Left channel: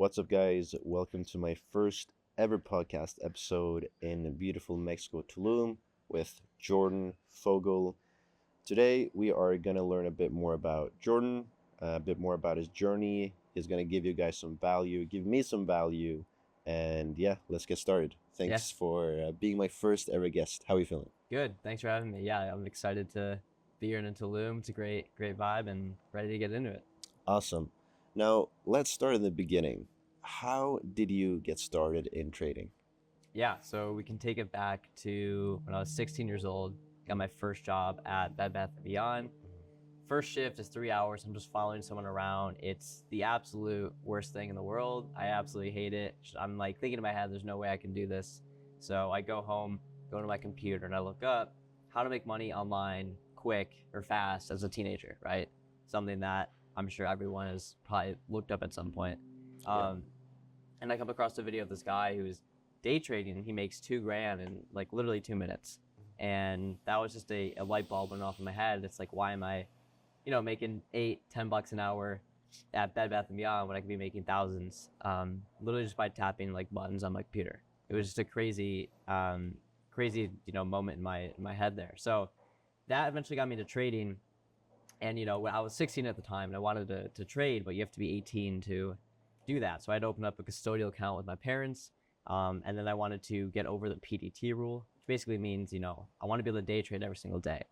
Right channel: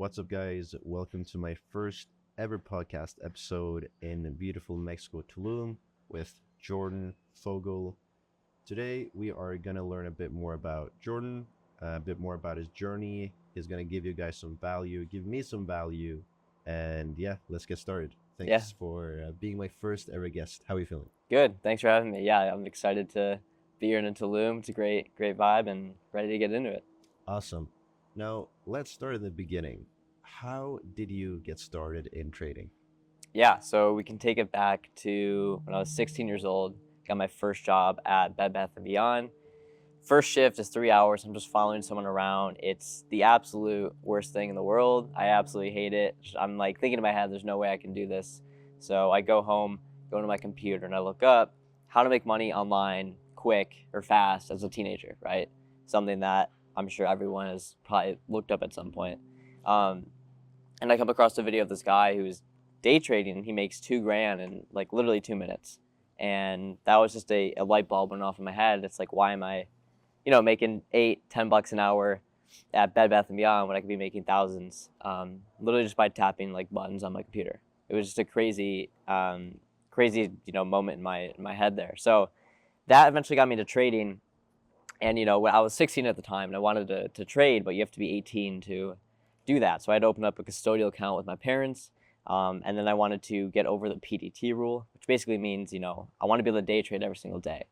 What's up, guys? Welcome to my first ever podcast episode in beautiful Mexico, Tulum, with Jordan Fogel. Today, we are going to learn a bit more about Jordan, a bit more about his journey. He's going to give you guys some value, give me some value, and yeah, let's get started. Yeah, Thanks for being my first ever guest. How are you feeling? good. Thanks for having me. Yeah, I'm excited to be here in Tulum. It's a great vibe and ready to get into it. Awesome. Now, let's start in the beginning. How did you get started in trading? Yeah, so we can take it back to when I was 16 years old. Got my first job at Bed Bath& and Beyond. First shift is 3 hours. I'm just following someone around. It's the absolute worst thing in the world. I absolutely hate it. I'm like thinking in my head, there's no way I can do this. So I go home, go to my computer, and I look up how to make money online quick or fast as a teenager, right? Something that I'm sure everyone has probably looked up at some point. Yeah. And I come across a video of this guy who's day trading. He makes 2 grand in like literally 2 minutes. And that was just a light bulb went off in my head. It's like, why am I making $8-10 an hour at Bed Bath and Beyond when I could be making thousands, literally just by tapping like buttons on my computer. It was just a crazy moment in my head there. So that eventually got me to trading. And when I was 16 at the time, and I wanted to trade, but you have to be 18 to do that. So I had to open up a custodial account with my parents, and then I wanted to get over the PDT rule, which basically means I want to be able to day trade every single day.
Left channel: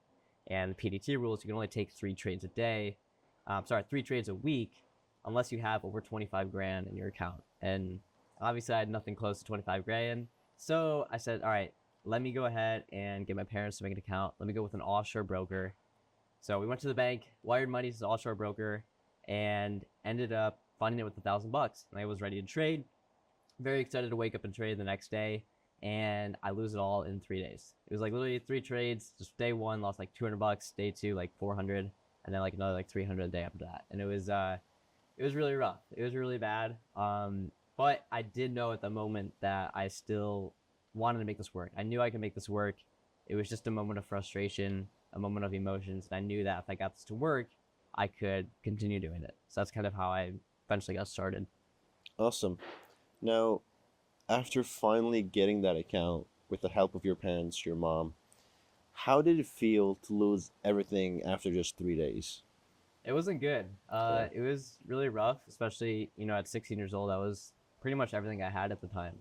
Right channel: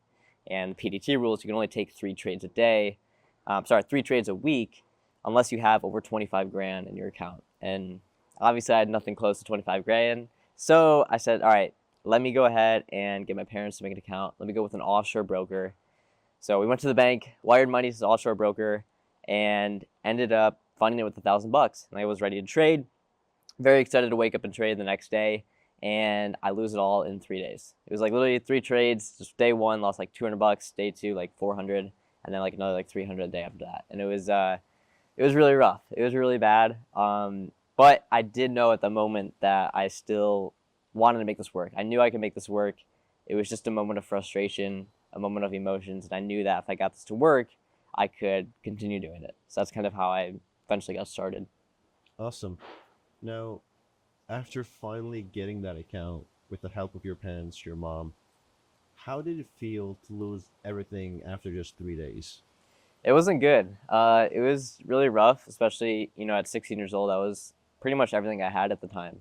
And the PDT rules, you can only take 3 trades a day. 3 trades a week, unless you have over 25 grand in your account. And obviously, I had nothing close to 25 grand. So I said, all right, let me go ahead and get my parents to make an account. Let me go with an offshore broker. So we went to the bank, wired money to the offshore broker, and ended up funding it with $1,000. And I was ready to trade. Very excited to wake up and trade the next day, and I lose it all in 3 days. It was like literally 3 trades. Just day one lost like $200, day two like 400, and then like another like 300 a day after that. And it was really rough. It was really bad. But I did know at the moment that I still wanted to make this work. I knew I could make this work. It was just a moment of frustration, a moment of emotions, and I knew that if I got this to work, I could continue doing it. So that's kind of how I eventually got started. Awesome. Now, after finally getting that account with the help of your parents, your mom, how did it feel to lose everything after just 3 days? It wasn't good. It was really rough, especially at 16 years old. That was pretty much everything I had at the time.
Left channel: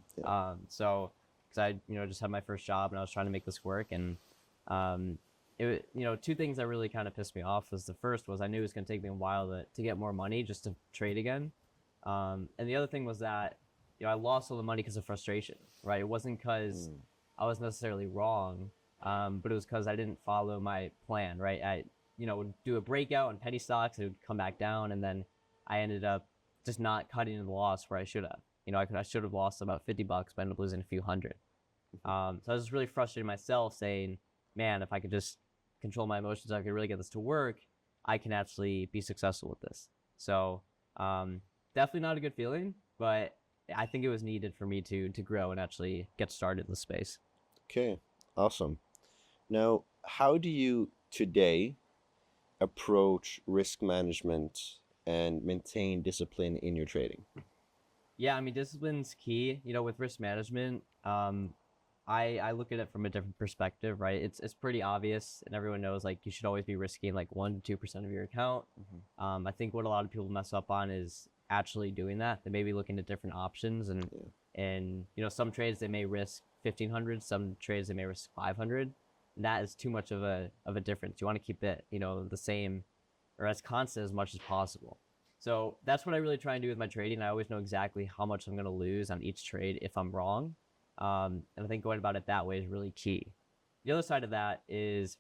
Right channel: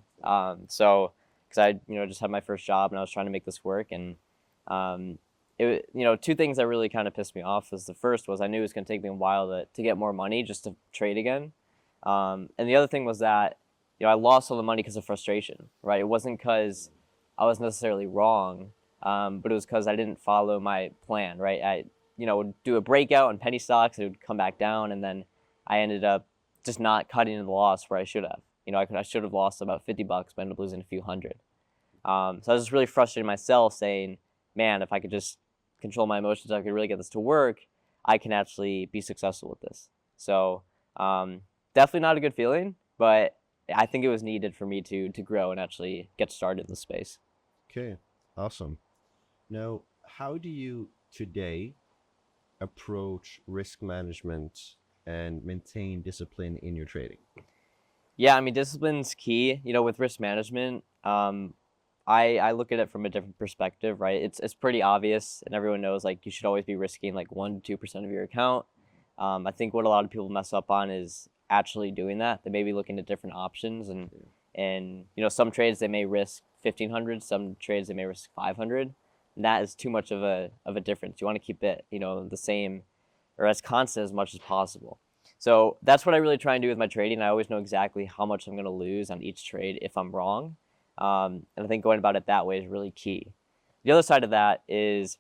So because I just had my first job and I was trying to make this work, and two things that really kind of pissed me off was the first was I knew it was going to take me a while to get more money just to trade again, and the other thing was that I lost all the money because of frustration. Right, it wasn't because I was necessarily wrong, but it was because I didn't follow my plan. Right, I would do a breakout in penny stocks, it would come back down, and then I ended up just not cutting in the loss where I should have. I should have lost about $50, but I ended up losing a few hundred. So I was just really frustrated myself, saying, "Man, if I could just control my emotions, I could really get this to work. I can actually be successful with this." So definitely not a good feeling, but I think it was needed for me to grow and actually get started in the space. Okay, awesome. Now, how do you today approach risk management and maintain discipline in your trading? Yeah, I mean, discipline's key. With risk management, I look at it from a different perspective, right? It's pretty obvious, and everyone knows like you should always be risking like 1 to 2% of your account. I think what a lot of people mess up on is actually doing that. They may be looking at different options, and some trades they may risk 1,500, some trades they may risk 500. And that is too much of a difference. You want to keep it the same or as constant as much as possible. So that's what I really try and do with my trading. I always know exactly how much I'm going to lose on each trade if I'm wrong. And I think going about it that way is really key. The other side of that is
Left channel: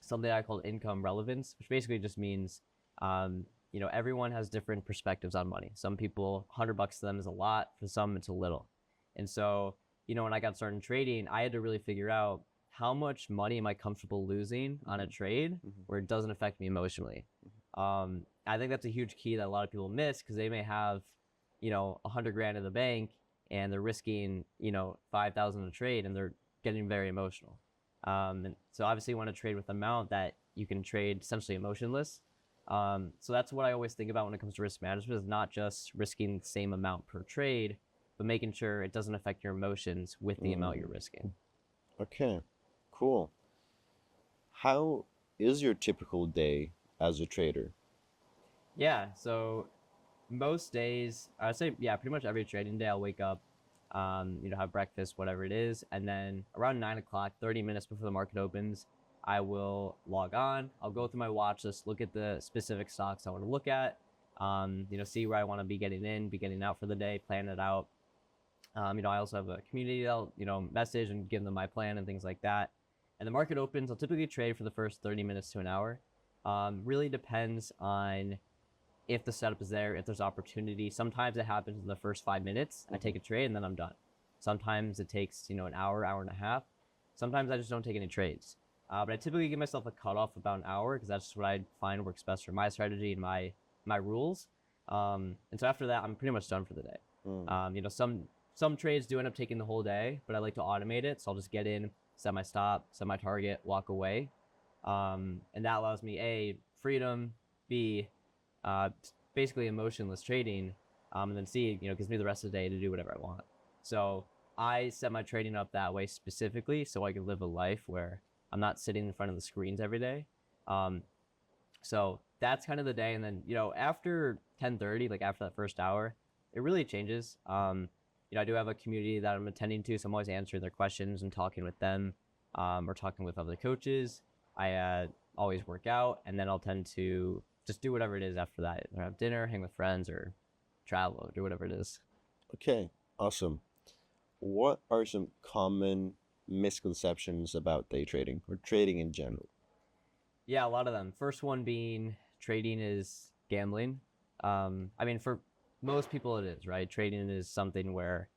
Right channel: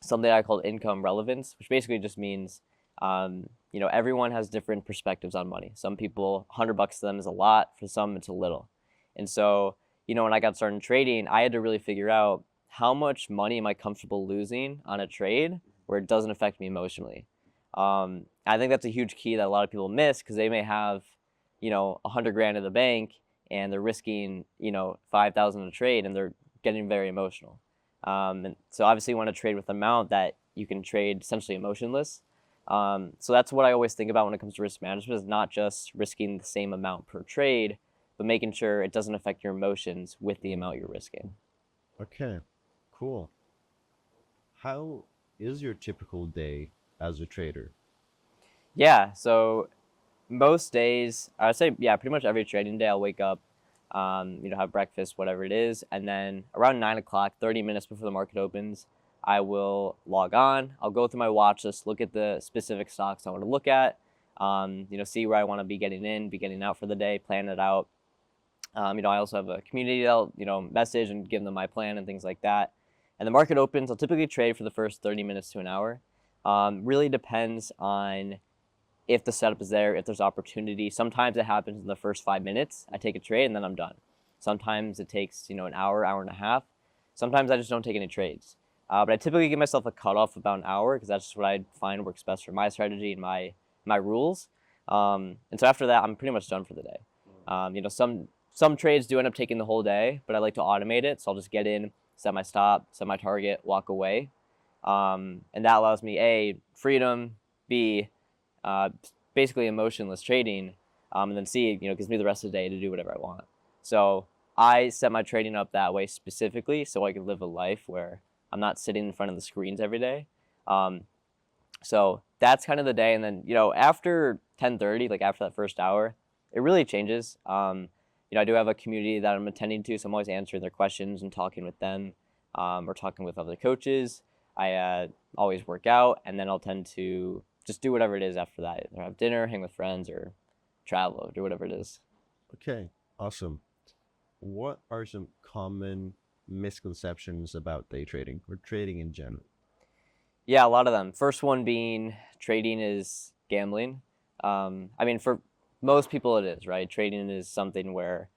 something I call income relevance, which basically just means, everyone has different perspectives on money. Some people, $100 to them is a lot. For some, it's a little. And so, when I got started trading, I had to really figure out how much money am I comfortable losing on a trade where it doesn't affect me emotionally. I think that's a huge key that a lot of people miss because they may have, 100 grand in the bank and they're risking, 5,000 a trade and they're getting very emotional. And so obviously you want to trade with an amount that you can trade essentially emotionless. So that's what I always think about when it comes to risk management, is not just risking the same amount per trade, but making sure it doesn't affect your emotions with the amount you're risking. Okay, cool. How is your typical day as a trader? Yeah, so most days, I would say, yeah, pretty much every trading day, I'll wake up, have breakfast, whatever it is, and then around 9 o'clock, 30 minutes before the market opens, I will log on. I'll go through my watch list, look at the specific stocks I want to look at, see where I want to be getting in, be getting out for the day, plan it out. I also have a community that'll, message and give them my plan and things like that. And the market opens. I'll typically trade for the first 30 minutes to an hour. Really depends on if the setup is there, if there's opportunity. Sometimes it happens in the first 5 minutes. I take a trade and then I'm done. Sometimes it takes, an hour, hour and a half. Sometimes I just don't take any trades. But I typically give myself a cutoff about an hour because that's just what I find works best for my strategy and my rules. And so after that, I'm pretty much done for the day. Some trades do end up taking the whole day, but I like to automate it. So I'll just get in, set my stop, set my target, walk away. And that allows me A, freedom, B, basically emotionless trading, and then C, gives me the rest of the day to do whatever I want. So I set my trading up that way specifically so I can live a life where I'm not sitting in front of the screens every day. So that's kind of the day, and then after 10:30, like after that first hour, it really changes. I do have a community that I'm attending to, so I'm always answering their questions and talking with them, or talking with other coaches. I always work out, and then I'll tend to just do whatever it is after that. Either have dinner, hang with friends, or travel, or do whatever it is. Okay, awesome. What are some common misconceptions about day trading or trading in general? Yeah, a lot of them. First one being trading is gambling. For most people it is, right? Trading is something where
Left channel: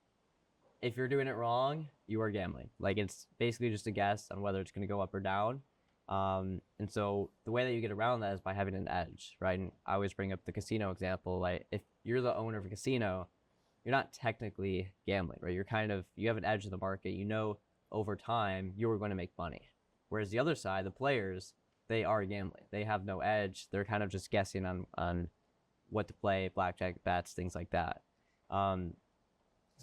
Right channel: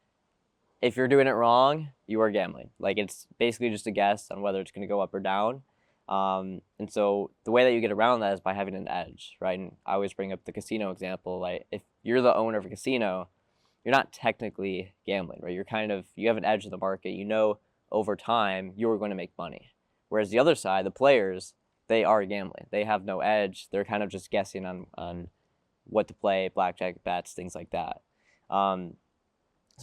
if you're doing it wrong, you are gambling. Like, it's basically just a guess on whether it's going to go up or down. And so the way that you get around that is by having an edge, right? And I always bring up the casino example. Like, if you're the owner of a casino, you're not technically gambling, right? You have an edge in the market. Over time you're going to make money. Whereas the other side, the players, they are gambling. They have no edge. They're kind of just guessing on what to play, blackjack bets, things like that. So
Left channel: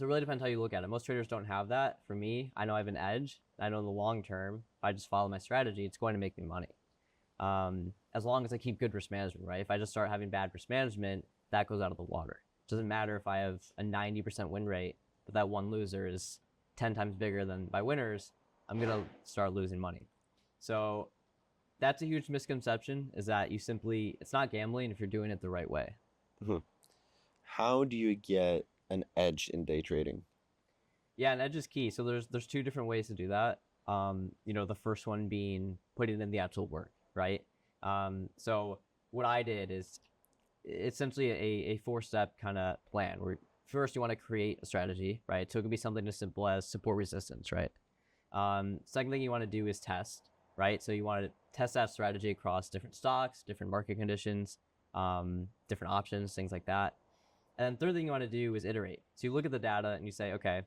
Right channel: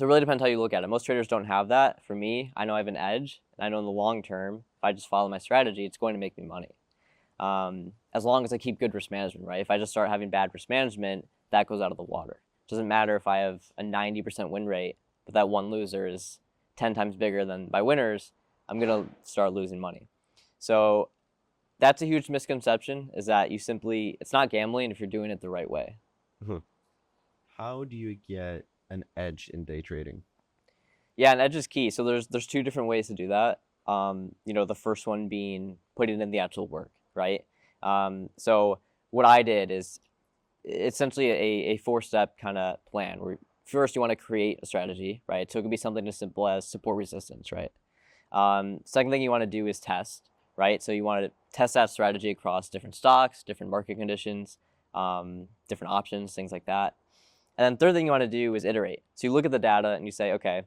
it really depends how you look at it. Most traders don't have that. For me, I know I have an edge. I know in the long term, if I just follow my strategy, it's going to make me money. As long as I keep good risk management, right? If I just start having bad risk management, that goes out of the water. It doesn't matter if I have a 90% win rate, but that one loser is 10 times bigger than my winners, I'm going to start losing money. So that's a huge misconception, is that it's not gambling if you're doing it the right way. How do you get an edge in day trading? Yeah, an edge is key. So there's two different ways to do that. The first one being putting in the actual work, right? So what I did is essentially a four-step kind of plan where first you want to create a strategy, right? So it could be something as simple as support resistance, right? Second thing you want to do is test, right? So you want to test that strategy across different stocks, different market conditions, different options, things like that. And then third thing you want to do is iterate. So you look at the data and you say, okay,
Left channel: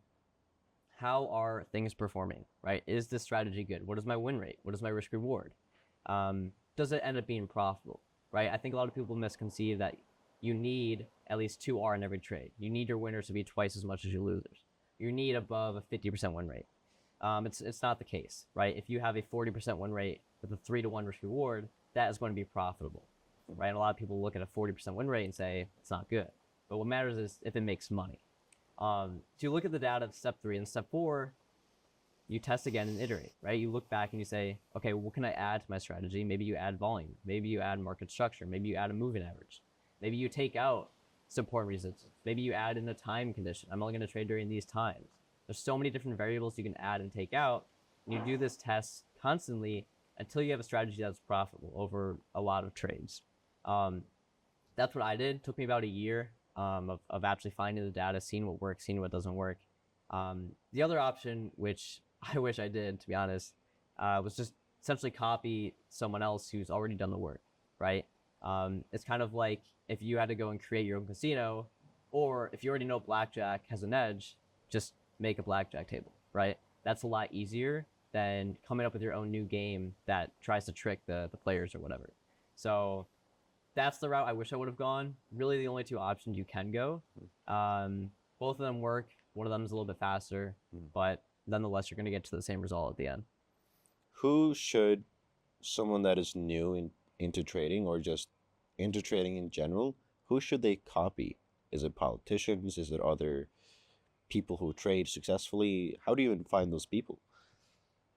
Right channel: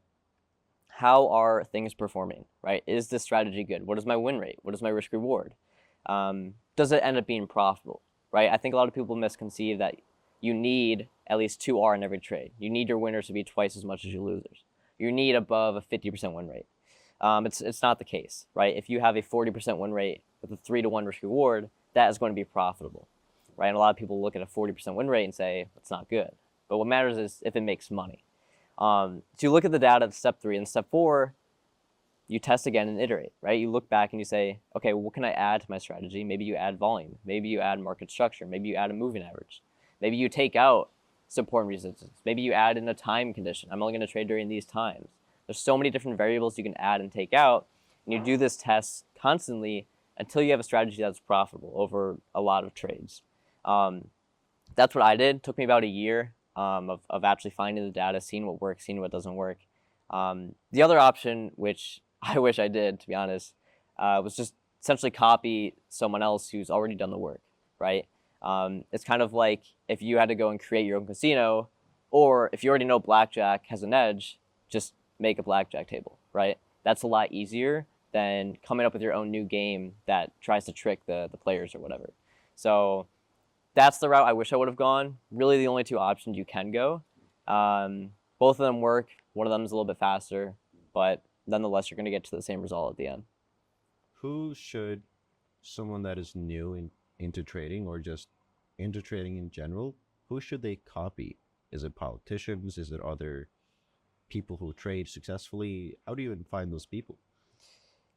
how are things performing, right? Is this strategy good? What is my win rate? What is my risk reward? Does it end up being profitable, right? I think a lot of people misconceive that you need at least 2R in every trade. You need your winners to be twice as much as your losers. You need above a 50% win rate. It's not the case, right? If you have a 40% win rate with a 3-to-1 risk reward, that is going to be profitable, right? And a lot of people look at a 40% win rate and say, it's not good. But what matters is if it makes money. So you look at the data, step 3, and step 4, you test again and iterate, right? You look back and you say, okay, what can I add to my strategy? Maybe you add volume. Maybe you add market structure. Maybe you add a moving average. Maybe you take out support and resistance. Maybe you add in a time condition. I'm only going to trade during these times. There's so many different variables you can add and take out, and you do this test constantly until you have a strategy that's profitable over a lot of trades. That's what I did. It took me about a year of actually finding the data, seeing what works, seeing what doesn't work. The other option, which I wish I did, to be honest, was just essentially copy someone else who's already done the work, right? It's kind of like if you had to go and create your own casino, or if you already know blackjack has an edge, just make a blackjack table, right? That's a lot easier than coming up with your own new game that tries to trick the players or whatever. So that's the route I wish I would have gone. Really, the only two options you can go. Both of them work. One of them is a little bit faster, but nonetheless, you're going to get to the same result at the end. Who should someone that is new into trading or just into trading in general, who should they copy? Is it politicians? Is it other people who trade successfully? How do you even find those people?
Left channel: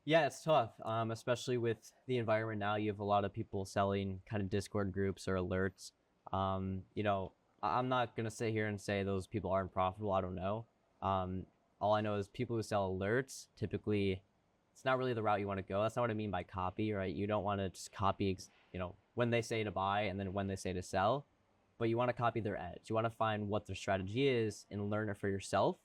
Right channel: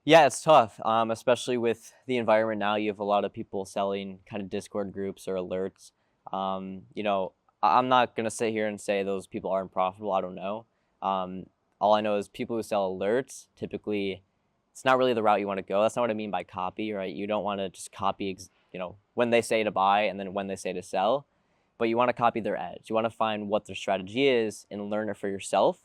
Yeah, it's tough, especially with the environment now. You have a lot of people selling kind of Discord groups or alerts. You know, I'm not gonna sit here and say those people aren't profitable. I don't know. Um, all I know is people who sell alerts typically, it's not really the route you want to go. That's not what I mean by copy, right? You don't want to just copy, when they say to buy and then when they say to sell, but you want to copy their edge. You want to find what their strategy is and learn it for yourself.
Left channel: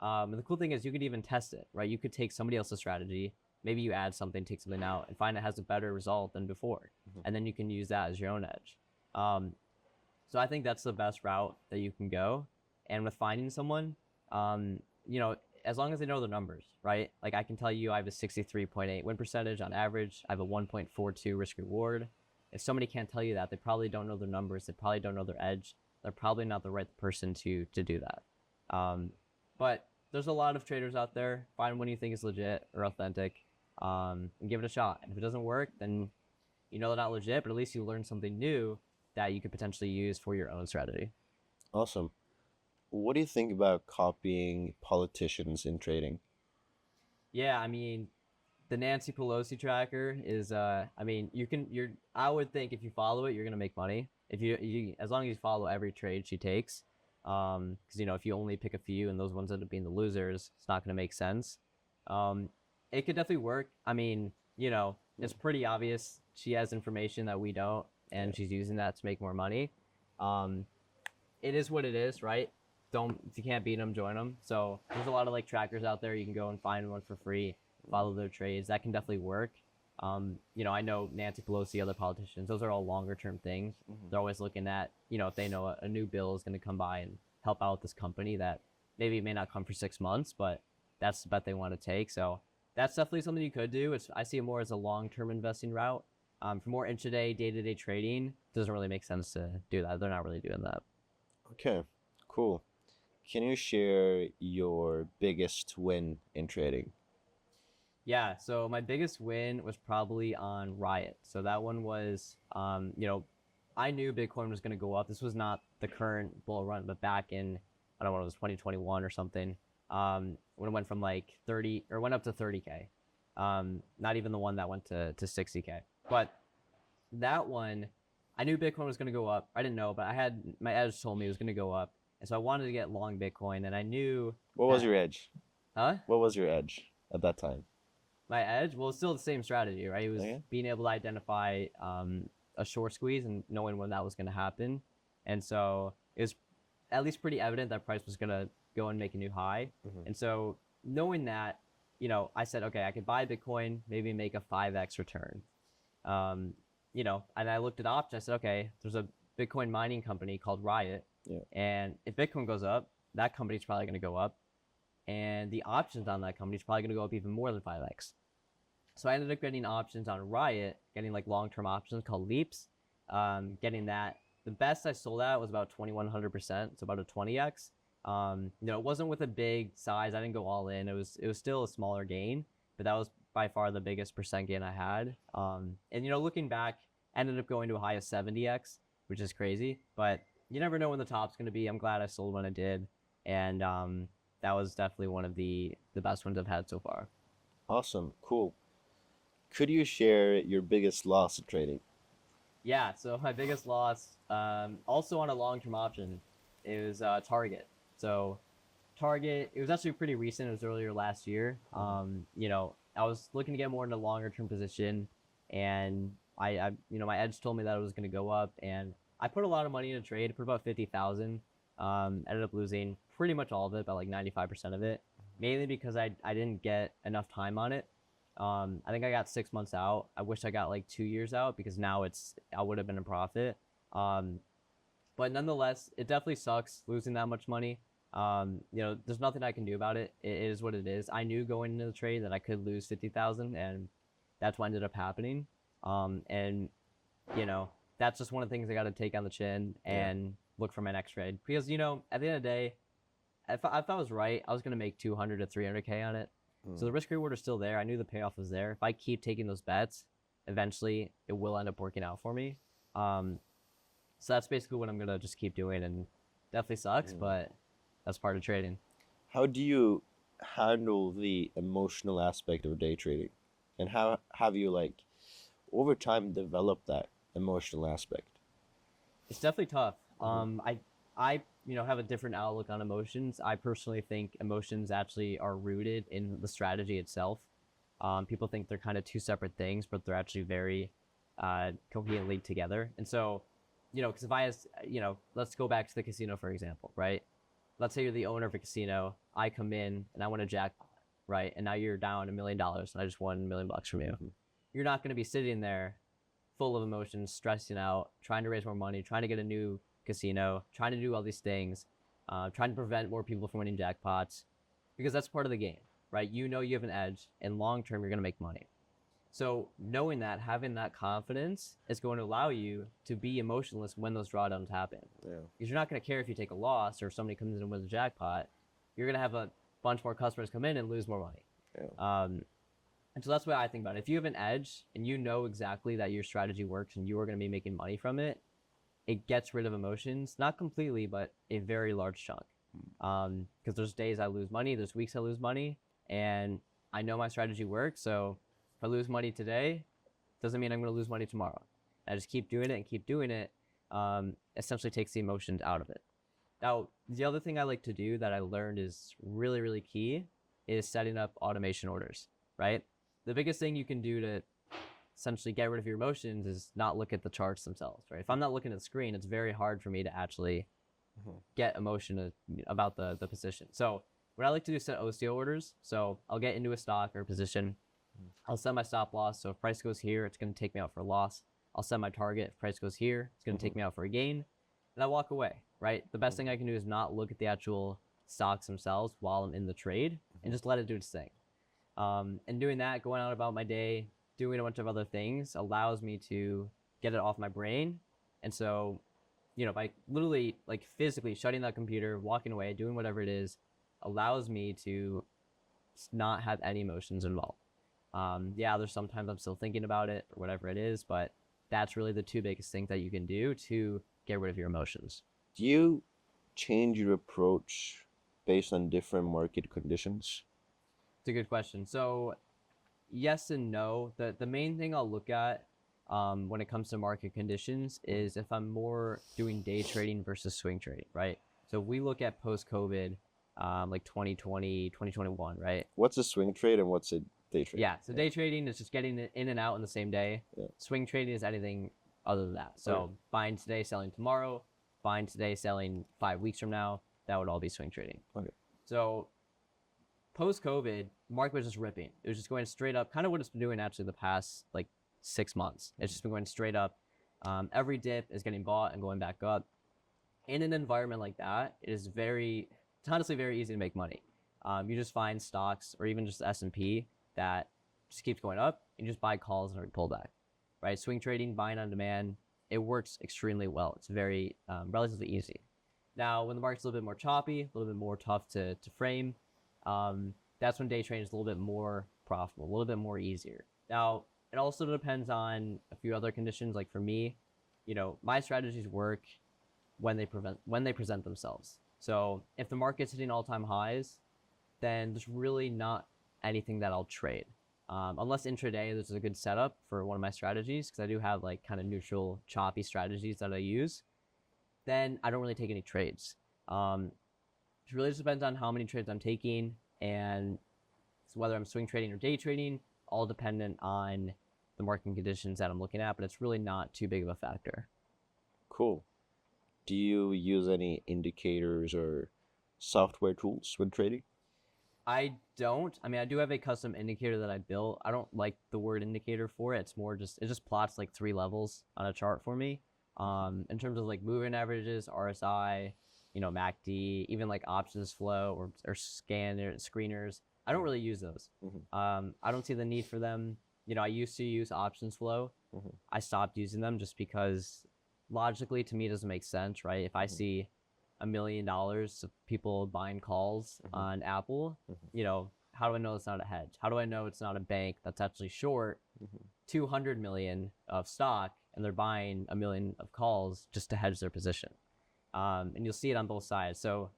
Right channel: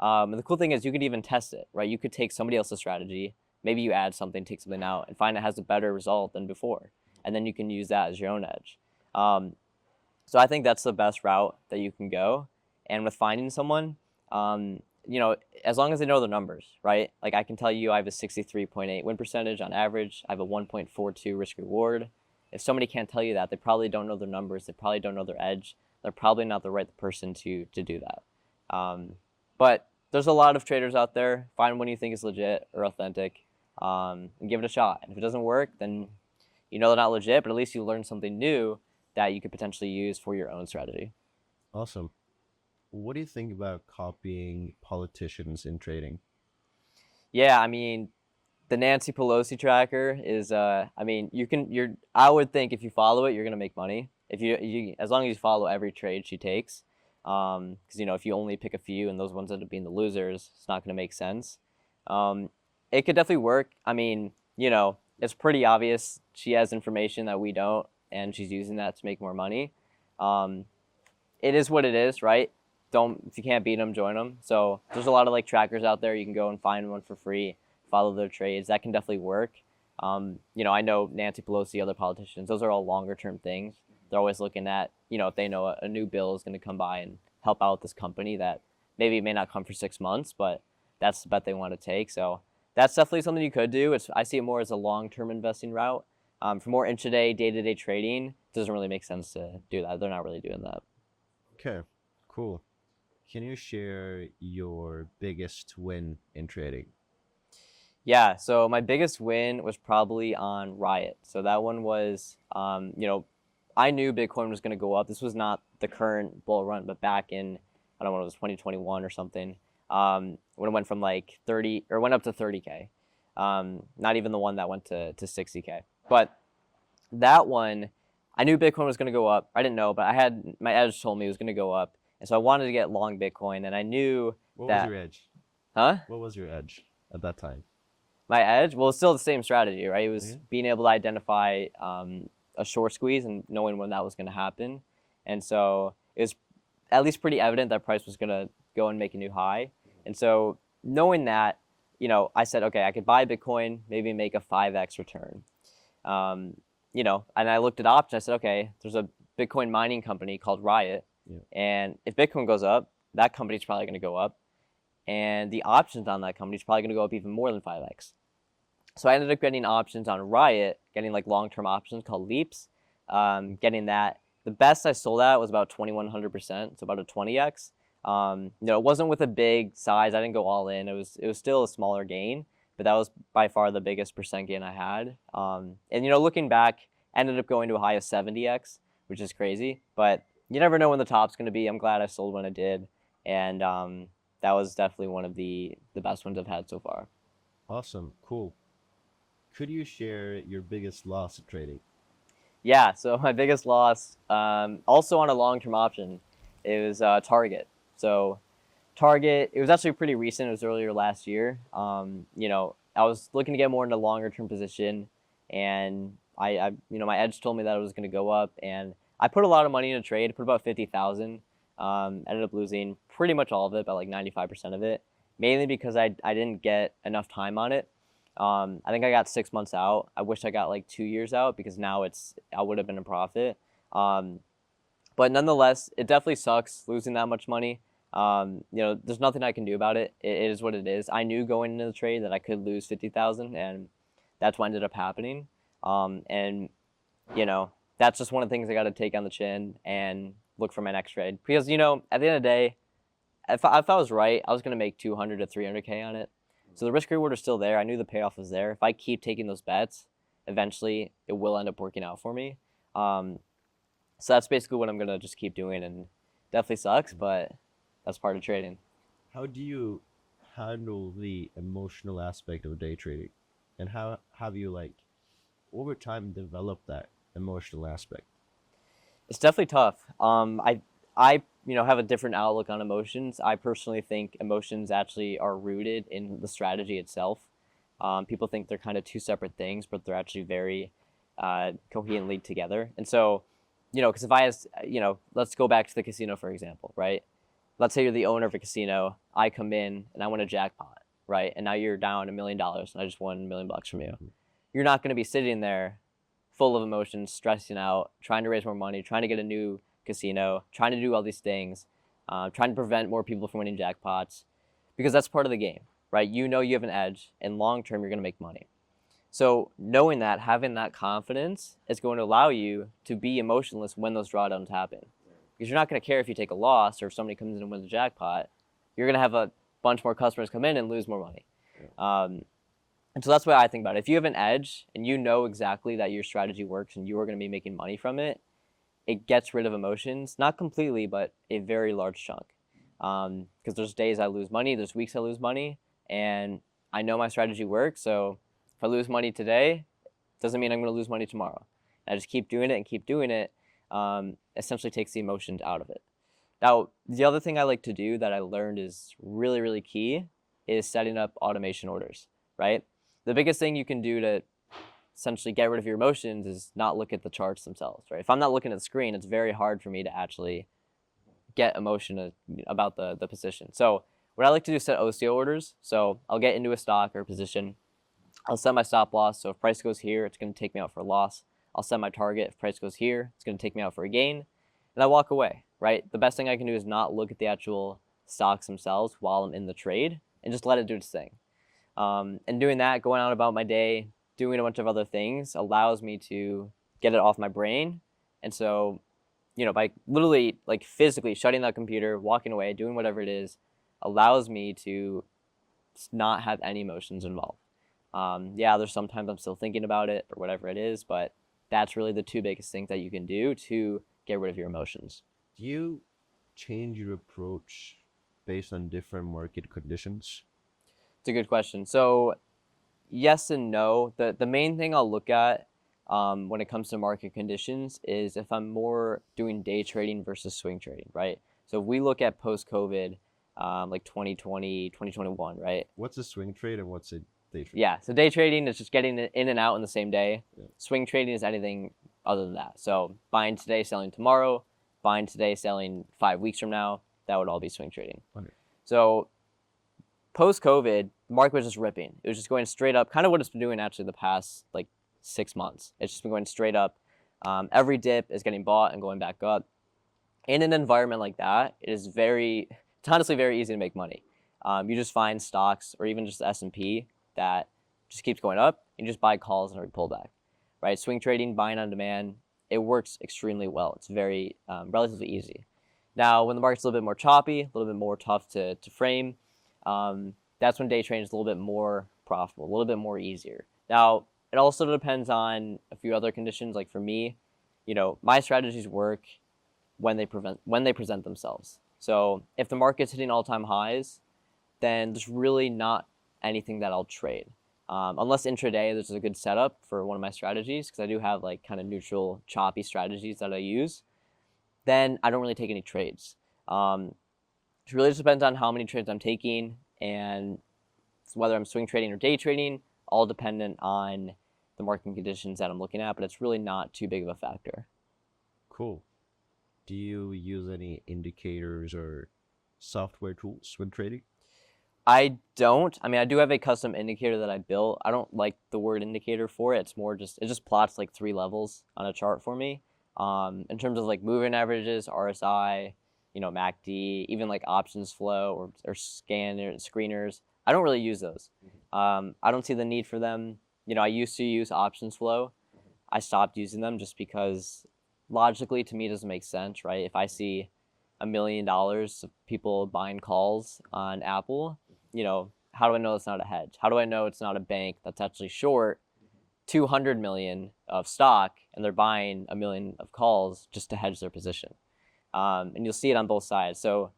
And the cool thing is you could even test it, right? You could take somebody else's strategy, maybe you add something, take something out, and find it has a better result than before. And then you can use that as your own edge. So I think that's the best route that you can go. And with finding someone, as long as they know the numbers, right? Like I can tell you I have a 63.8 win percentage on average. I have a 1.42 risk reward. If somebody can't tell you that, they probably don't know their numbers. They probably don't know their edge. They're probably not the right person to do that. But there's a lot of traders out there. Find one you think is legit or authentic, and give it a shot. And if it doesn't work, then you know they're not legit, but at least you learn something new that you could potentially use for your own strategy. Awesome. What do you think about copying politicians in trading? Yeah, I mean, the Nancy Pelosi tracker is, I would think if you follow it, you're gonna make money. If as long as you follow every trade she takes, because if you only pick a few and those ones end up being the losers, it's not gonna make sense. It could definitely work. I mean, it's pretty obvious she has information that we don't, and she's using that to make more money. It is what it is, right? If you can't beat them, join them. So there's a lot of like trackers out there. You can go and find one for free, follow their trades. That can definitely work. I know Nancy Pelosi, other politicians, those are all longer term things. They're always looking at, if they know a new bill is going to come by and help out this company that maybe it may not come for 6 months, but that's the bet they want to take. So that's definitely something you could do. I see it more as a long term investing route. For more intraday, day to day trading, it doesn't really make sense to do that. They're not really doing that. Okay, cool. Can you share your biggest win in trading? Yeah, so my biggest win was probably on Riot. So that one was, I knew Bitcoin was going to go up. This was not the current bull run, but back in, I don't know, it was 2021 or something, when it went from like 30, or went up to 30K. Not even the one that went to 60K. But that one, I knew Bitcoin was going to go up. I didn't know, but my edge told me it was going to go up. And so I wanted to get long Bitcoin, and I knew What was your edge? Huh? What was your edge at that time? My edge? Well, it's still the same strategy, right? It was being able to identify a short squeeze and knowing when that was going to happen. And so it was at least pretty evident that price was going to go and make a new high. And so knowing that, I said, okay, I could buy Bitcoin, maybe make a 5x return. And I looked at options. I said, okay, there's a Bitcoin mining company called Riot. Yeah. And if Bitcoin goes up, that company's probably going to go up. And the options on that company is probably going to go up even more than 5x. So I ended up getting options on Riot, getting like long-term options called leaps, getting that. The best I sold at was about 2,100%, so about a 20x. It wasn't with a big size. I didn't go all in. It was still a smaller gain, but that was by far the biggest percent gain I had. And looking back, ended up going to a high of 70x, which is crazy. But you never know when the top's going to be. I'm glad I sold when I did, and that was definitely one of the best ones I've had so far. Awesome, cool. Could you share your biggest loss at trading? Yeah, so my biggest loss, also on a long-term option, it was Target. So Target, it was actually pretty recent. It was earlier last year. I was looking to get more into longer-term position, and my edge told me that it was going to go up, and I put a lot of money in a trade. Put about 50,000. Ended up losing pretty much all of it, about like 95% of it, mainly because I didn't get enough time on it. I think I got 6 months out. I wish I got like 2 years out because now I would have been a profit. But nonetheless, it definitely sucks losing that much money. There's nothing I can do about it. It is what it is. I knew going into the trade that I could lose 50,000, and that's what ended up happening. And that's just one of the things I got to take on the chin and look for my next trade. Because, you know, at the end of the day, if I was right, I was going to make 200 to 300K on it. So the risk reward is still there. I knew the payoff was there. If I keep taking those bets, eventually it will end up working out for me. So that's basically what I'm going to just keep doing, and definitely sucks, but that's part of trading. How do you handle the emotional aspect of day trading? And how have you like over time developed that emotional aspect? It's definitely tough. I have a different outlook on emotions. I personally think emotions actually are rooted in the strategy itself. People think they're kind of two separate things, but they're actually very coherently together. And so, because if I ask, let's go back to the casino, for example, right? Let's say you're the owner of a casino. I come in and I win a jackpot, right? And now you're down $1 million and I just won $1 million from you. You're not going to be sitting there full of emotions, stressing out, trying to raise more money, trying to get a new casino, trying to do all these things, trying to prevent more people from winning jackpots, because that's part of the game, right? You know you have an edge, and long term you're going to make money. So knowing that, having that confidence is going to allow you to be emotionless when those drawdowns happen. Yeah. Because you're not going to care if you take a loss or if somebody comes in and wins a jackpot. You're going to have a bunch more customers come in and lose more money. Yeah. And so that's what I think about it. If you have an edge and you know exactly that your strategy works and you are going to be making money from it, it gets rid of emotions, not completely, but a very large chunk. Because there's days I lose money, there's weeks I lose money, and I know my strategy works. So if I lose money today, doesn't mean I'm going to lose money tomorrow. I just keep doing it and keep doing it. Essentially takes the emotions out of it. Now, the other thing I like to do that I learned is really, really key is setting up automation orders, right? The biggest thing you can do to essentially get rid of your emotions is not look at the charts themselves, right? If I'm not looking at the screen, it's very hard for me to actually get emotion about the position. So what I like to do is set OCO orders. So I'll get into a stock or position. I'll set my stop loss. So if price goes here, it's going to take me out for a loss. I'll set my target. If price goes here, it's going to take me out for a gain. And I walk away, right? The best thing I can do is not look at the actual stocks themselves while I'm in the trade and just let it do its thing. And doing that, going out about my day, doing a bunch of other things allows me to get it off my brain. And so, by literally like physically shutting that computer, walking away, doing whatever it is, allows me to not have any emotions involved. There's sometimes I'm still thinking about it or whatever it is, but that's really the two biggest things that you can do to get rid of your emotions. Do you change your approach based on different market conditions? It's a good question. So yes and no. The main thing I'll look at when it comes to market conditions is if I'm more doing day trading versus swing trading, right? So if we look at post-COVID, like 2020, 2021, right? What's a swing trade and what's a day trade? Yeah, so day trading is just getting it in and out in the same day. Yeah. Swing trading is anything other than that. So buying today, selling tomorrow, buying today, selling 5 weeks from now, that would all be swing trading. Okay. So post-COVID, the market was just ripping. It was just going straight up, kind of what it's been doing actually the past like 6 months. It's just been going straight up. Every dip is getting bought and going back up. In an environment like that, it's honestly very easy to make money. You just find stocks or even just the S&P that just keeps going up and you just buy calls and pull back, right? Swing trading, buying on demand, it works extremely well. It's very relatively easy. Now, when the market's a little bit more choppy, a little bit more tough to frame, that's when day trading is a little bit more profitable, a little bit more easier. Now, it also depends on a few other conditions. Like for me, my strategies work when they present themselves. So if the market's hitting all-time highs, then there's really not anything that I'll trade. Unless intraday, there's a good setup for one of my strategies, because I do have like kind of neutral, choppy strategies that I use, then I don't really take any trades. It really just depends on how many trades I'm taking and whether I'm swing trading or day trading, all dependent on the market conditions that I'm looking at, but it's really not too big of a factor. Cool. Do you use any indicators or software tools when trading? I don't. I mean, I do have a custom indicator that I built. I don't like the word indicator for it. It's more it just plots like 3 levels on a chart for me. In terms of like moving averages, RSI, MACD, even like options flow or screeners. I don't really use those. I don't see the need for them. I used to use options flow Mhm. I stopped using them just because logically to me it doesn't make sense, right? If I see $1 million of people buying calls on Apple, how do I know it's not a hedge? How do I know it's not a bank that's actually short Mhm. 200 million of stock and they're buying a million of calls just to hedge their position? And you'll see it on both sides. So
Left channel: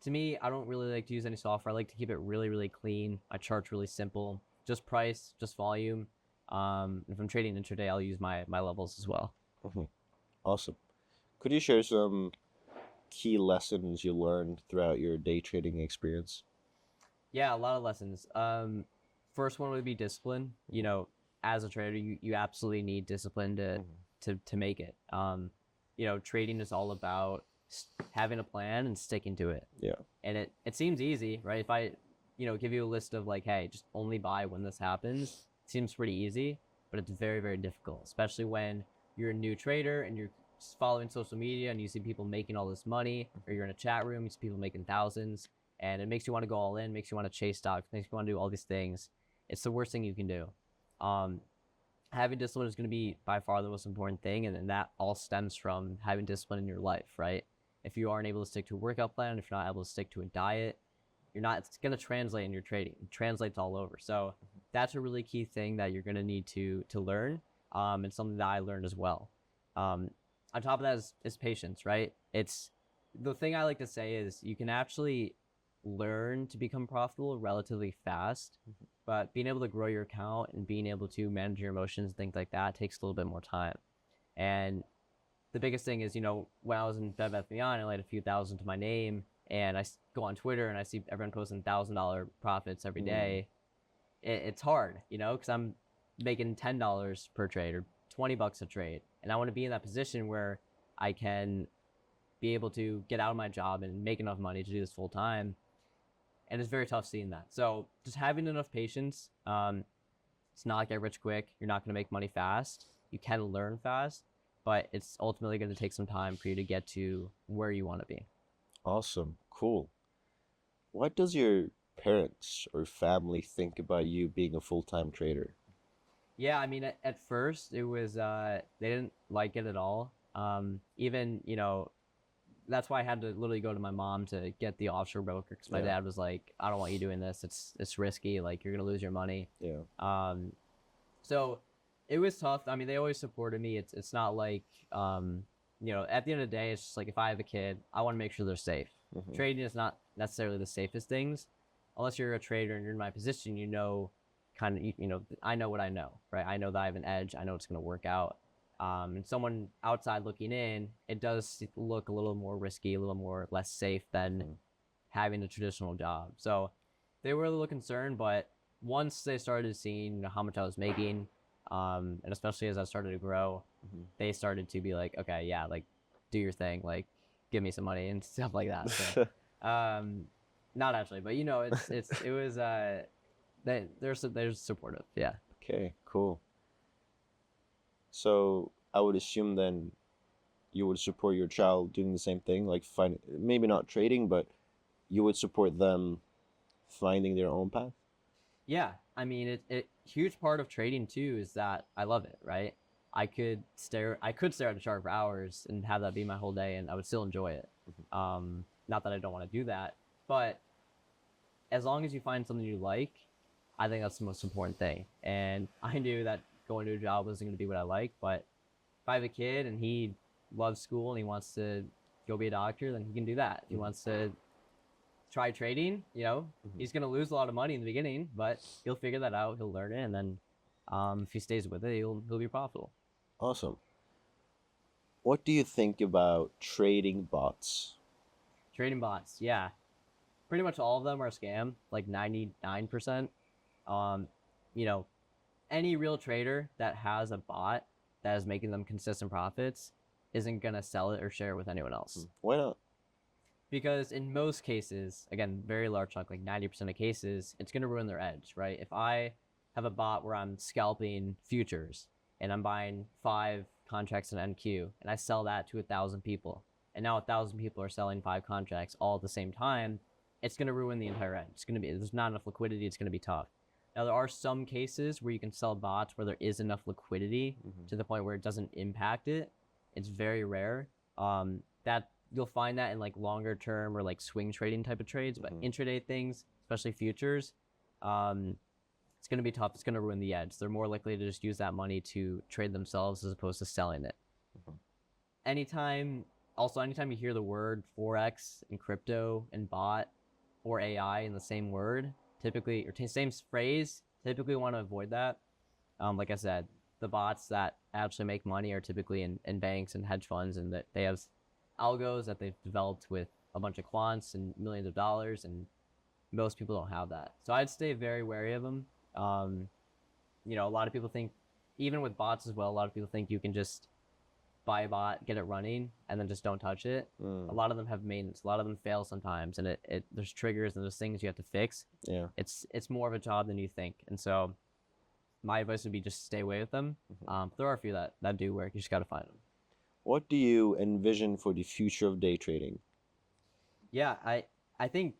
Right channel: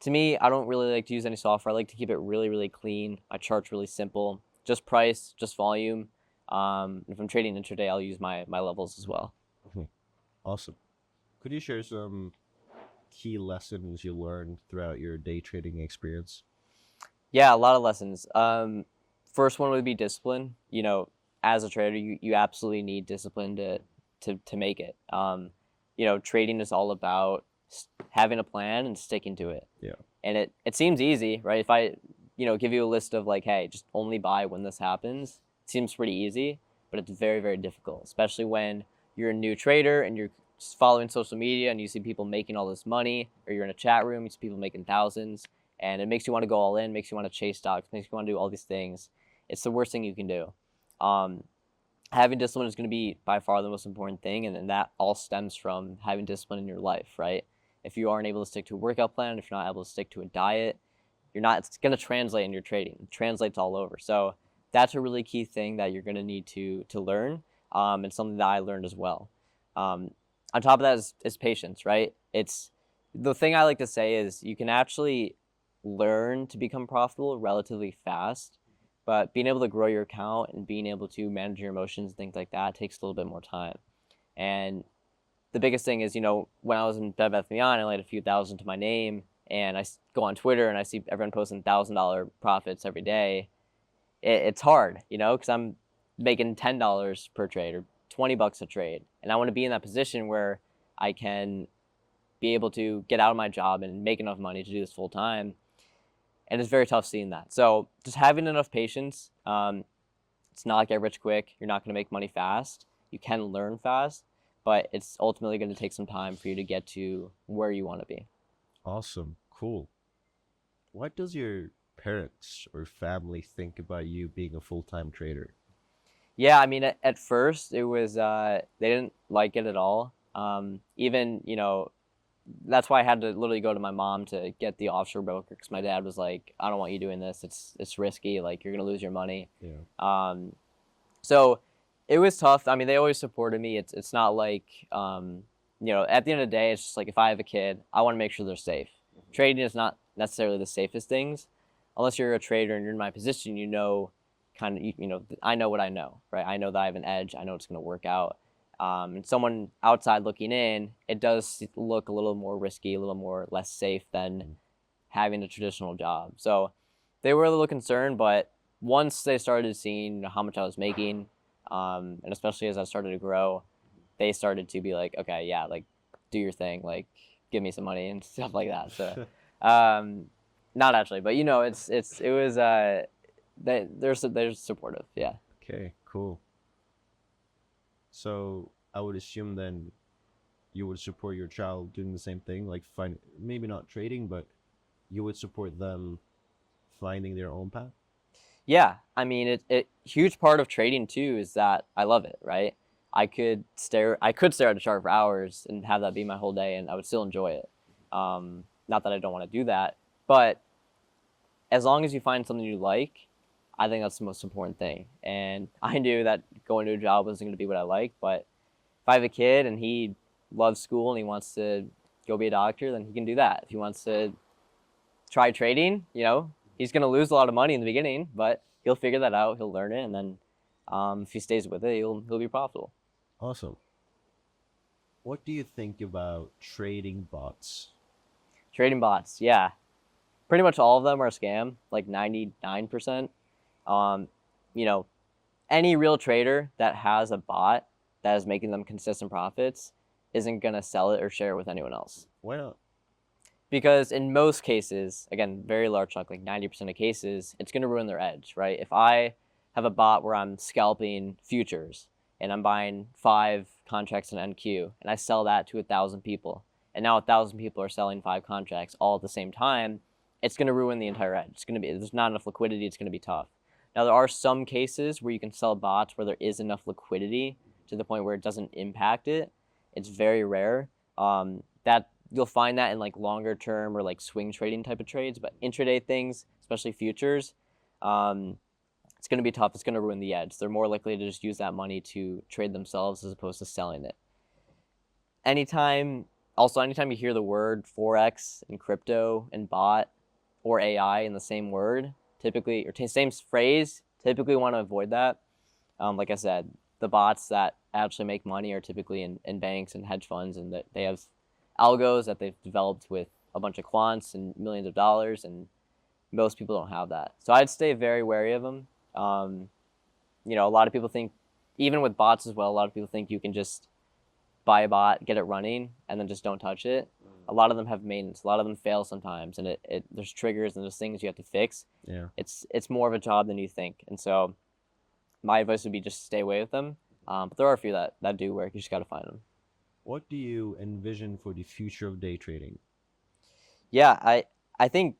to me, I don't really like to use any software. I like to keep it really, really clean. My chart's really simple, just price, just volume. If I'm trading intraday, I'll use my levels as well. Mhm. Awesome. Could you share some key lessons you learned throughout your day trading experience? Yeah, a lot of lessons. First one would be discipline. As a trader, you absolutely need discipline to Mhm. to make it. Trading is all about having a plan and sticking to it. Yeah. And it seems easy, right? If I, give you a list of like, hey, just only buy when this happens, it seems pretty easy, but it's very, very difficult, especially when you're a new trader and you're following social media and you see people making all this money, or you're in a chat room, you see people making thousands, and it makes you want to go all in, makes you want to chase stocks, makes you want to do all these things. It's the worst thing you can do. Um, Having discipline is going to be by far the most important thing, and that all stems from having discipline in your life, right? If you aren't able to stick to a workout plan, if you're not able to stick to a diet, it's going to translate in your trading. It translates all over. So that's a really key thing that you're going to need to learn, and something that I learned as well. um, on top of that is patience, right? It's the thing I like to say is you can actually learn to become profitable relatively fast, but being able to grow your account and being able to manage your emotions and things like that takes a little bit more time. And the biggest thing is, when I was in Bed Bath & Beyond, I laid a few thousand to my name, and I go on Twitter and I see everyone posting $1,000 profits every day. It's hard, because I'm making $10 per trade or $20 a trade, and I want to be in that position where I can be able to get out of my job and make enough money to do this full time. And it's very tough seeing that. So just having enough patience. It's not like get rich quick. You're not going to make money fast. You can learn fast, but it's ultimately going to take some time for you to get to where you want to be. Awesome. Cool. What does your parents or family think about you being a full-time trader? Yeah, I mean, at first it was they didn't like it at all. Even that's why I had to literally go to my mom to get the offshore broker, because my Yeah. dad was like, I don't want you doing this. It's risky. Like, you're gonna lose your money. Yeah. Um, so it was tough. I mean, they always supported me. It's not like at the end of the day, it's just like if I have a kid, I want to make sure they're safe. Mhm. Trading is not necessarily the safest things, unless you're a trader and you're in my position. Kind of I know what I know, right? I know that I have an edge. I know it's going to work out. And someone outside looking in, it does look a little more risky, a little more less safe than Mhm. having a traditional job. So they were a little concerned, but once they started seeing how much I was making, and especially as I started to grow, Mhm. they started to be like, okay, yeah, like do your thing, like give me some money and stuff like that. So, um, not actually, but it was they're supportive, yeah. Okay, cool. So I would assume then you would support your child doing the same thing, like find maybe not trading, but you would support them finding their own path. Yeah, I mean, it huge part of trading too is that I love it, right? I could stare at a chart for hours and have that be my whole day, and I would still enjoy it. Not that I don't want to do that, but as long as you find something you like, I think that's the most important thing. And I knew that going to a job wasn't going to be what I like, but if I have a kid and he loves school and he wants to go be a doctor, then he can do that. If he wants to try trading, Mhm. he's going to lose a lot of money in the beginning, but he'll figure that out. He'll learn it, and then if he stays with it, he'll be profitable. Awesome. What do you think about trading bots? Trading bots, yeah, pretty much all of them are a scam, like 99%. Um, you know, any real trader that has a bot that is making them consistent profits isn't going to sell it or share it with anyone else. Why not? Because in most cases, again, very large chunk, like 90% of cases, it's going to ruin their edge, right? If I have a bot where I'm scalping futures and I'm buying 5 contracts in NQ and I sell that to 1,000 people, and now 1,000 people are selling 5 contracts all at the same time, it's going to ruin the entire edge. It's going to be, there's not enough liquidity. It's going to be tough. Now there are some cases where you can sell bots where there is enough liquidity Mm-hmm. to the point where it doesn't impact it. It's very rare. That you'll find that in like longer term or like swing trading type of trades, but Mm-hmm. intraday things, especially futures, um, it's going to be tough. It's going to ruin the edge. They're more likely to just use that money to trade themselves as opposed to selling it. Mm-hmm. Anytime you hear the word forex and crypto and bot or AI in the same word, typically or same phrase, typically want to avoid that. Like I said, the bots that actually make money are typically in banks and hedge funds, and that they have algos that they've developed with a bunch of quants and millions of dollars, and most people don't have that. So I'd stay very wary of them. Um, a lot of people think, even with bots as well, a lot of people think you can just buy a bot, get it running, and then just don't touch it. A Mm. lot of them have maintenance. A lot of them fail sometimes, and there's triggers and there's things you have to fix. Yeah. It's more of a job than you think, and so my advice would be just stay away with them. Mhm. But there are a few that do work. You just got to find them. What do you envision for the future of day trading? Yeah, I think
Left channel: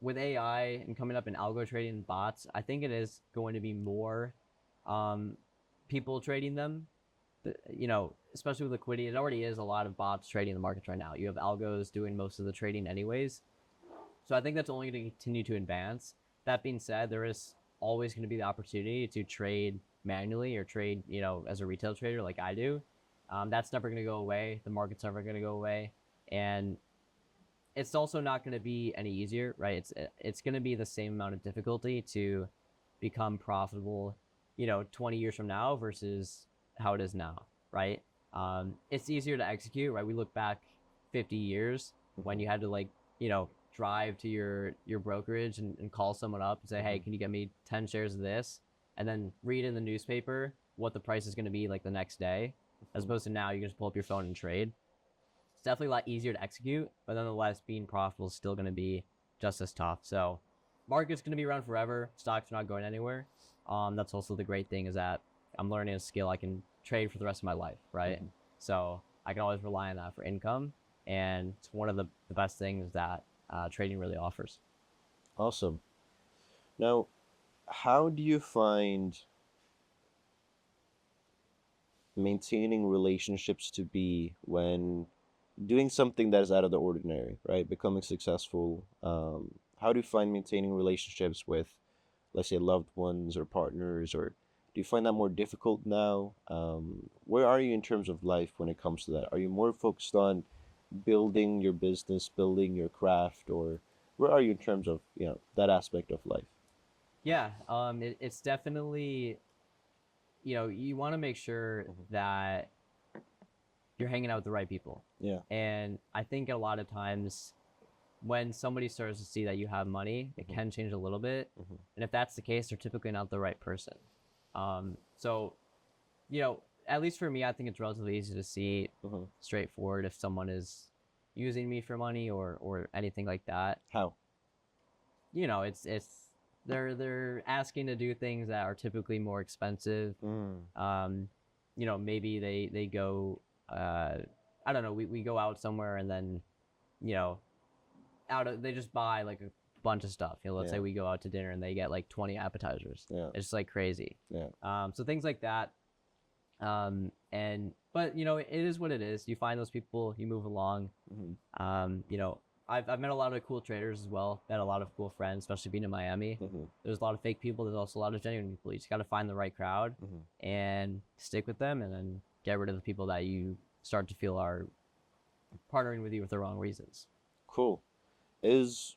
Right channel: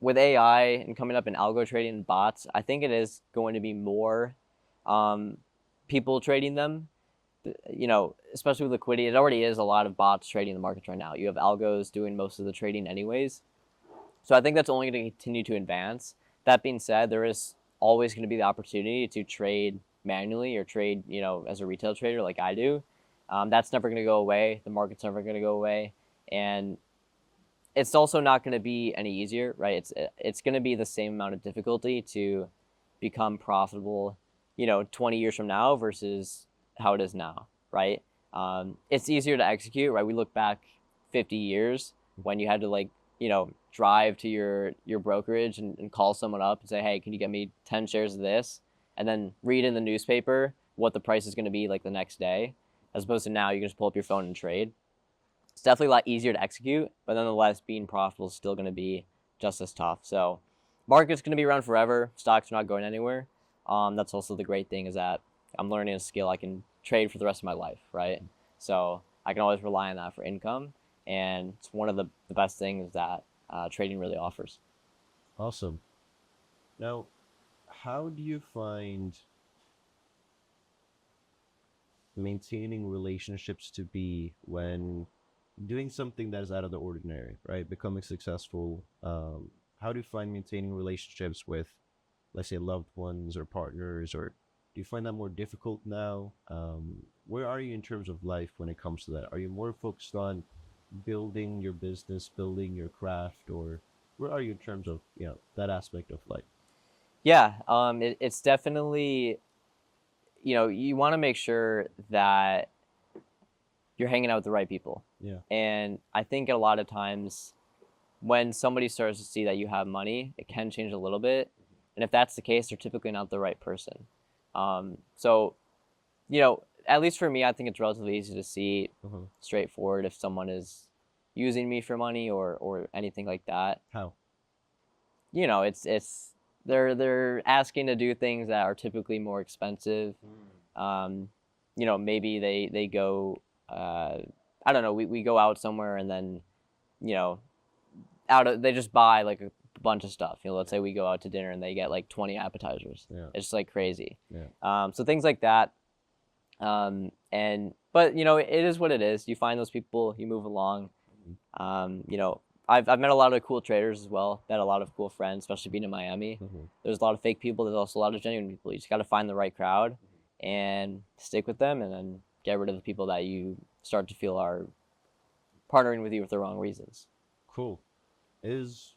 with AI and coming up in algo trading and bots, I think it is going to be more um, people trading them. Especially with liquidity, it already is a lot of bots trading the markets right now. You have algos doing most of the trading anyways. So I think that's only going to continue to advance. That being said, there is always going to be the opportunity to trade manually or trade, as a retail trader like I do. That's never going to go away. The market's never going to go away, and it's also not going to be any easier, right? It's going to be the same amount of difficulty to become profitable, 20 years from now versus how it is now, right? It's easier to execute, right? We look back 50 years when you had to drive to your brokerage and call someone up and say, hey, can you get me 10 shares of this? And then read in the newspaper what the price is going to be like the next day, as opposed to now you can just pull up your phone and trade. It's definitely a lot easier to execute, but nonetheless, being profitable is still going to be just as tough. So, market's going to be around forever. Stocks are not going anywhere. That's also the great thing is that I'm learning a skill I can trade for the rest of my life, right? So I can always rely on that for income, and it's one of the best things that trading really offers. Awesome. Now, how do you find maintaining relationships to be when doing something that is out of the ordinary, right? Becoming successful. How do you find maintaining relationships with, let's say, loved ones or partners, or do you find that more difficult now? Where are you in terms of life when it comes to that? Are you more focused on building your business, building your craft, or where are you in terms of that aspect of life? Yeah, it's definitely you want to make sure that you're hanging out with the right people. Yeah. And I think a lot of times when somebody starts to see that you have money, it can change a little bit. Mhm. And if that's the case, they're typically not the right person. So, at least for me, I think it's relatively easy to see Mhm. straightforward if someone is using me for money or anything like that. How? It's they're asking to do things that are typically more expensive. Mm. Maybe they go I don't know, we go out somewhere and then, you know, they just buy like a bunch of stuff. Let's Yeah. say we go out to dinner and they get like 20 appetizers. Yeah. It's just like crazy. Yeah. So things like that. But it is what it is. You find those people, you move along. Mhm. I've met a lot of cool traders as well. Met a lot of cool friends, especially being in Miami. Mhm. There's a lot of fake people. There's also a lot of genuine people. You just got to find the right crowd Mhm. and stick with them, and then get rid of the people that you start to feel are partnering with you for the wrong reasons. Cool. Is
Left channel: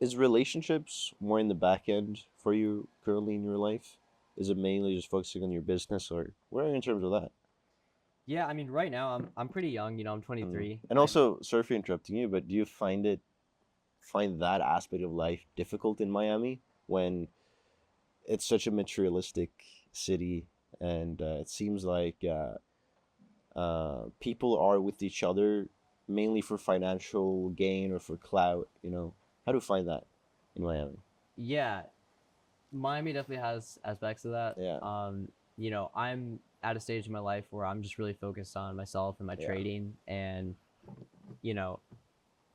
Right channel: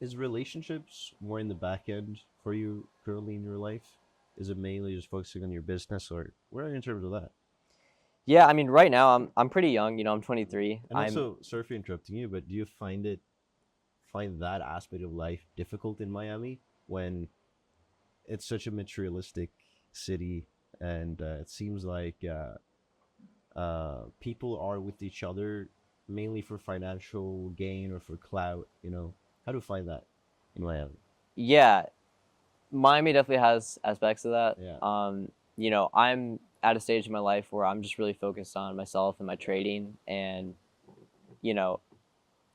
is relationships more in the back end for you currently in your life? Is it mainly just focusing on your business, or where are you in terms of that? Yeah, I mean, right now I'm pretty young. I'm Mm. 23. And I'm also, sorry for interrupting you, but do you find that aspect of life difficult in Miami when it's such a materialistic city, and it seems like people are with each other mainly for financial gain or for clout? How do you find that in Miami? Yeah, Miami definitely has aspects of that. Yeah. I'm at a stage in my life where I'm just really focused on myself and my Yeah. trading, and you know,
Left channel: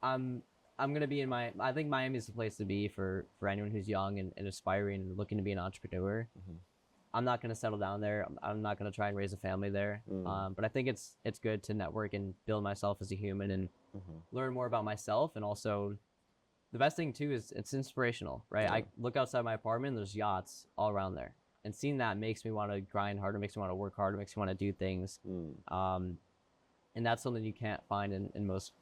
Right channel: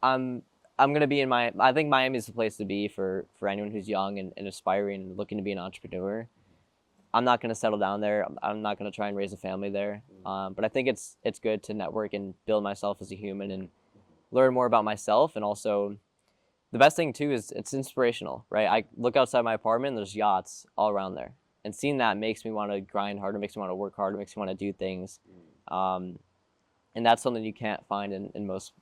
I'm I'm gonna be in my. I think Miami is the place to be for anyone who's young and aspiring and looking to be an entrepreneur. Mhm. I'm not gonna settle down there. I'm not gonna try and raise a family there. But I think it's good to network and build myself as a human and Mhm. learn more about myself. And also, the best thing too is it's inspirational, right? I look outside my apartment. And there's yachts all around there, and seeing that makes me want to grind harder, makes me want to work harder, makes me want to do things. Mm. And that's something you can't find in most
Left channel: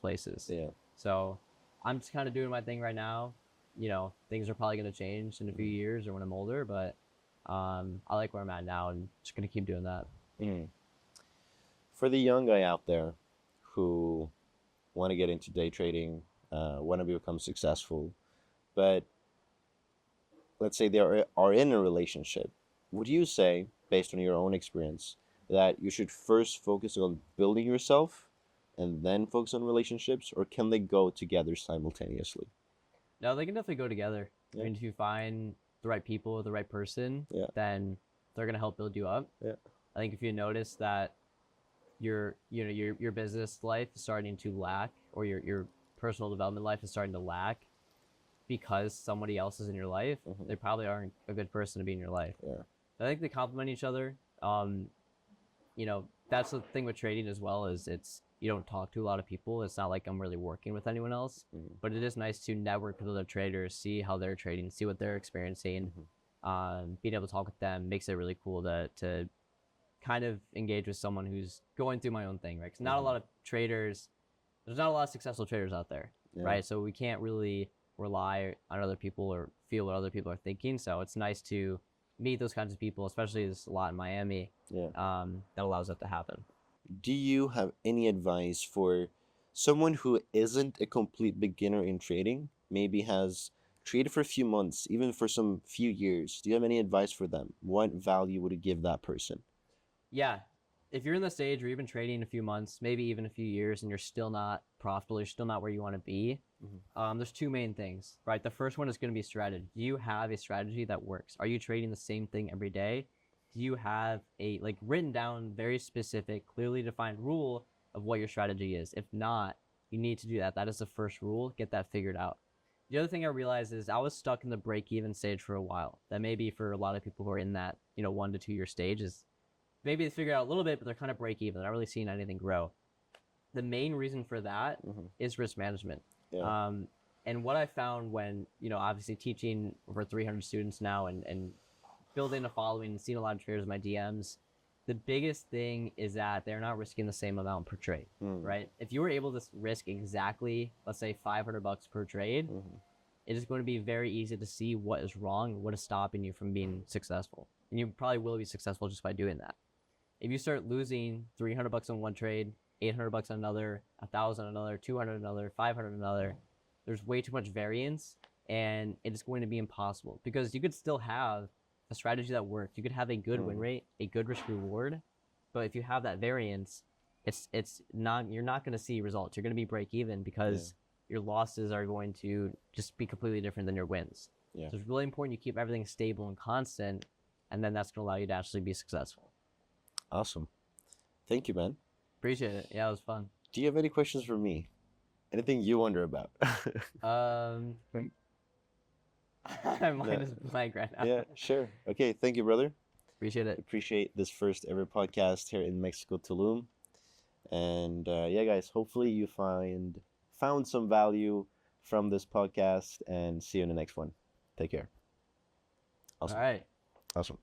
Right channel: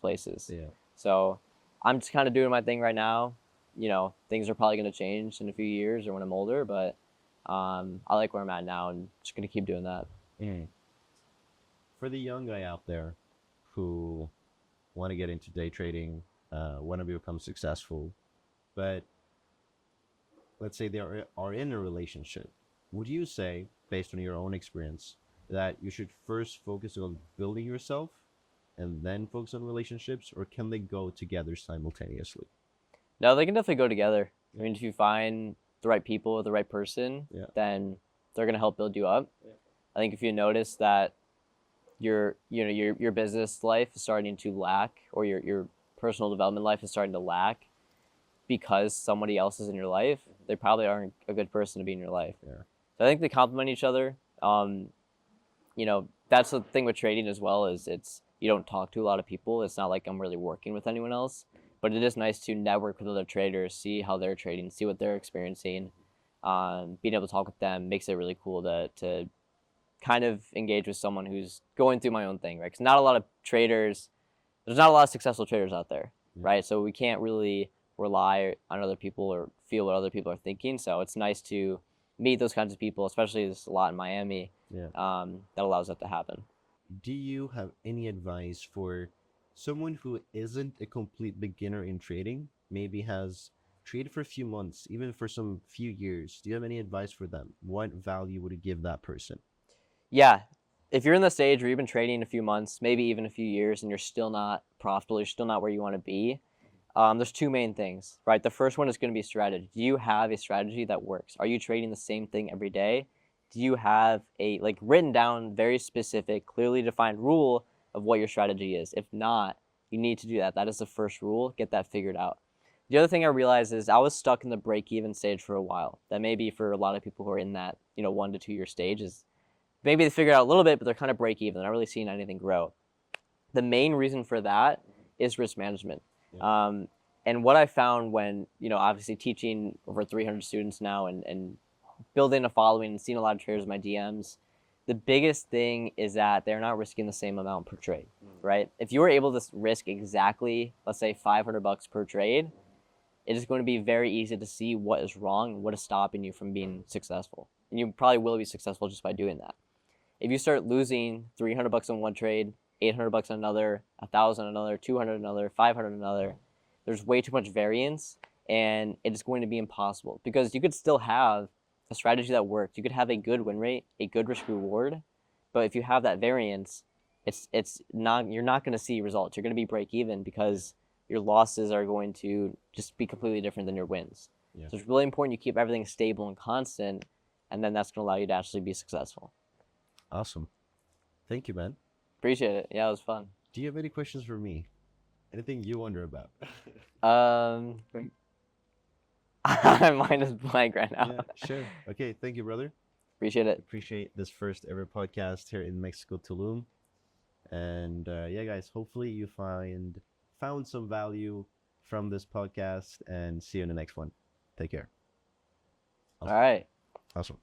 places. Yeah. So I'm just kind of doing my thing right now. Things are probably going to change in a few years or when I'm older, but I like where I'm at now and just going to keep doing that. Mm. For the young guy out there who want to get into day trading, want to become successful, but let's say they are in a relationship, would you say, based on your own experience, that you should first focus on building yourself and then focus on relationships, or can they go together simultaneously? No, they can definitely go together. I Yeah. mean, if you find the right people, the right person, Yeah. then they're going to help build you up. Yeah. I think if you notice that your business life is starting to lack, or your personal development life is starting to lack because somebody else is in your life, Mhm. they probably aren't a good person to be in your life. Yeah. So I think they complement each other. That's the thing with trading as well, is it's you don't talk to a lot of people. It's not like I'm really working with anyone else, Mhm. but it is nice to network with other traders, see how they're trading, see what they're experiencing. Being able to talk with them makes it really cool to kind of engage with someone who's going through my own thing, right? Because not a lot of traders, there's not a lot of successful traders out there, Yeah. right? So we can't really rely on other people or feel what other people are thinking. So it's nice to meet those kinds of people, especially there's a lot in Miami. Yeah. That allows that to happen. Do you have any advice for someone who isn't a complete beginner in trading, maybe has traded for a few months, even for some few years? Do you have any advice for them? What value would you give that person? Yeah, if you're in the stage where you've been trading a few months, maybe even a few years, and you're still not profitable, you're still not where you want to be, there's two main things, right? The first one is going to be strategy. Do you have a strategy that works? Are you trading the same thing every day? Do you have a written down, very specific, clearly defined rule of what your strategy is? If not, you need to do that. That is the first rule. Get that figured out. The other thing I realized is I was stuck in the break even stage for a while. That may be for a lot of people who are in that 1 to 2 year stage, is maybe they figure out a little bit, but they're kind of break even. They're not really seeing anything grow. The main reason for that is risk management. Yeah. And what I found when, obviously teaching over 300 students now and building a following and seeing a lot of traders in my DMs, the biggest thing is that they're not risking the same amount per trade, right? If you were able to risk exactly, let's say $500 per trade, it is going to be very easy to see what is wrong and what is stopping you from being successful. And you probably will be successful just by doing that. If you start losing $300 on one trade, $800 on another, 1,000 on another, 200 on another, 500 on another, there's way too much variance, and it is going to be impossible, because you could still have a strategy that works. You could have a good win rate, a good risk reward, but if you have that variance, it's not you're not going to see results. You're going to be break even because your losses are going to just be completely different than your wins. Yeah. So it's really important you keep everything stable and constant, and then that's going to allow you to actually be successful. Awesome. Thank you, man. Appreciate it. Yeah, it was fun. Do you have any questions for me? Anything you wonder about? Mine is blank right now. Yeah, sure. Okay, thank you, brother. Appreciate it. Appreciate this first ever podcast here in Mexico, Tulum. And yeah, guys, hopefully you found some value from this podcast, and see you in the next one. Take care. All Awesome. right. Awesome.